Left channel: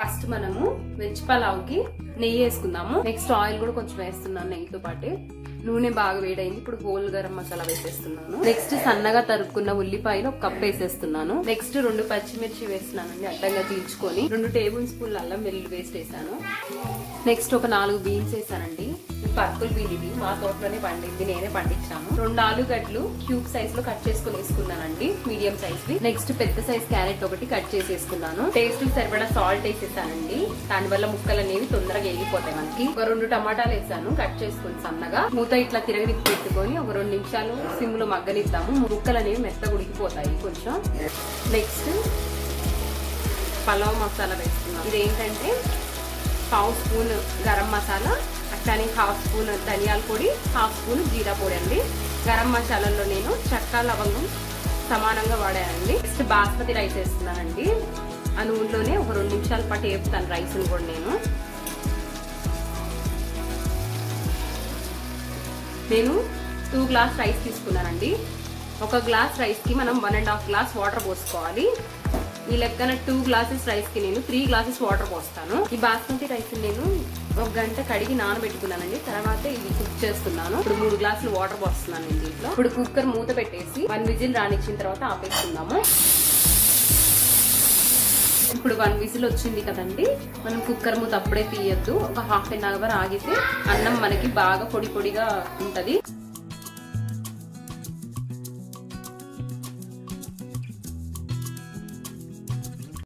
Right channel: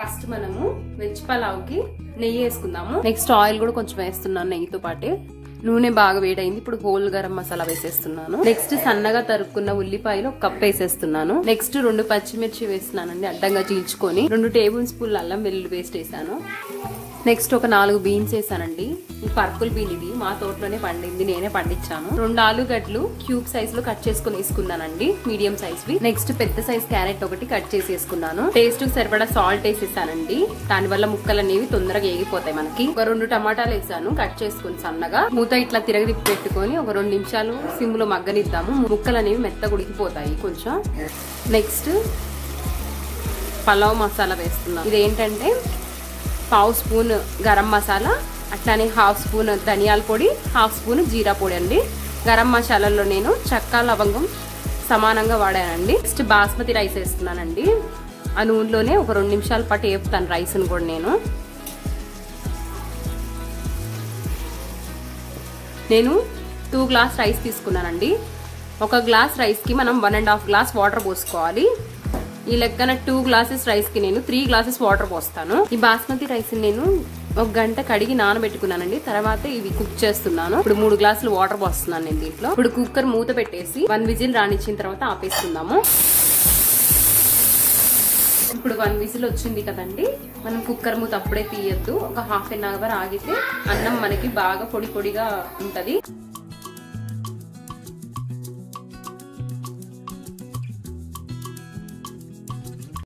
First మనము veg pulao కి నెయ్యి వేసుకుందాము. నెక్స్ట్ ఆయిల్ కూడా కొంచెం వేస్తున్నాను నెయ్యితో పాటు. నూనె బాగా వేడైంది. ఇప్పుడు హోల్ గరం మసాలా వేసేస్తున్నాను. నెక్స్ట్ సన్నగా తరుక్కున్న ఉల్లిపాయలు ఒక కప్ వేసేస్తున్నాను. నెక్స్ట్ 2 పచ్చిమిర్చి వేస్తున్నానండి అడ్డంగా చీల్చుకొని. 2 టేబుల్ స్పూన్ల అల్లం వెల్లుల్లి పేస్ట్ వేసాను. నెక్స్ట్ ఒక 4 బీన్స్ వేసానండి. పర్పుల్ బీన్ ఇది మా తోటలోనే పండింది, నేనే పండించాను. 2 ఆలుగడ్డలు క్యూబ్ సైజ్ లో కట్ చేసుకుని వేసుకున్నానండి, మీడియం సైజ్ వి. నెక్స్ట్ పెద్ద సైజ్ క్యారెట్ ఒకటి కట్ చేసేసుకున్నాను. టేస్ట్ కు సరిపడా సాల్ట్ వేసేసానండి, దానివల్ల ముక్కలు అనేవి తొందరగా ఏగిపోతాయి మనకి. ఒక 2 టమాటాలు వేసాను కట్ చేసుకుని సన్నగా. మూత ఇట్లా తిరగదిప్పి పెట్టుకొని ఒక 2 నిమిషాలు సిమ్ లో మగ్గనిద్దాము. ముక్కలు అనేవి మెత్తగా ఉడికిపోతాయి కొంచెం. నెక్స్ట్ పలావ్ మసాలా వేస్తున్నాం. ఇదేంటంటే 1/2 స్పూన్ గరం మసాలా, అట్లానే 1/2 స్పూన్ ధనియాల పొడి, 1/2 స్పూన్ జీరా పొడి అండి. గరం మసాలాలో నేను చెక్క లవంగం సమానంగా వాడానండి. నెక్స్ట్ బాస్మతి రైస్ వేస్తున్నానండి. ఆ నూనెలోనే ఒక 2 నిమిషాల పాటు వేపుతాను రైస్ ని కూడా. నేను 2 గ్లాస్ రైస్ తీసుకున్నానండి. ఒక గ్లాస్ రైస్ కి మనం 1.5 గ్లాస్ వాటర్ పోసుకోవాలి. ఈ లెక్కన 2 గ్లాసెస్ రైస్ కి నేను 3 గ్లాసెస్ వాటర్ పోస్తాను. ఈ బాస్మతి రైస్ నేను 1 గంట కడిగి నానబెట్టుకున్నానండి. తర్వాత ఇది కుక్ చేస్తున్నాను. ఇప్పుడు 3 గ్లాసులు వాటర్ పోస్తున్నాను నేను దీంట్లో. ఇప్పుడు కుక్కర్ మూత పెట్టేసి 1 విజిల్ రానిచ్చిన తర్వాత ఆపేస్తున్నాము. ఇప్పుడు 1 విజిల్ వచ్చింది కదండి, మనం కుక్కర్ మూత అప్పుడే తీయద్దు. ఒక ½ అన్ అవర్ ఆగితే అన్నం మనకి బాగా పొడి పొడిగా ఉంటది.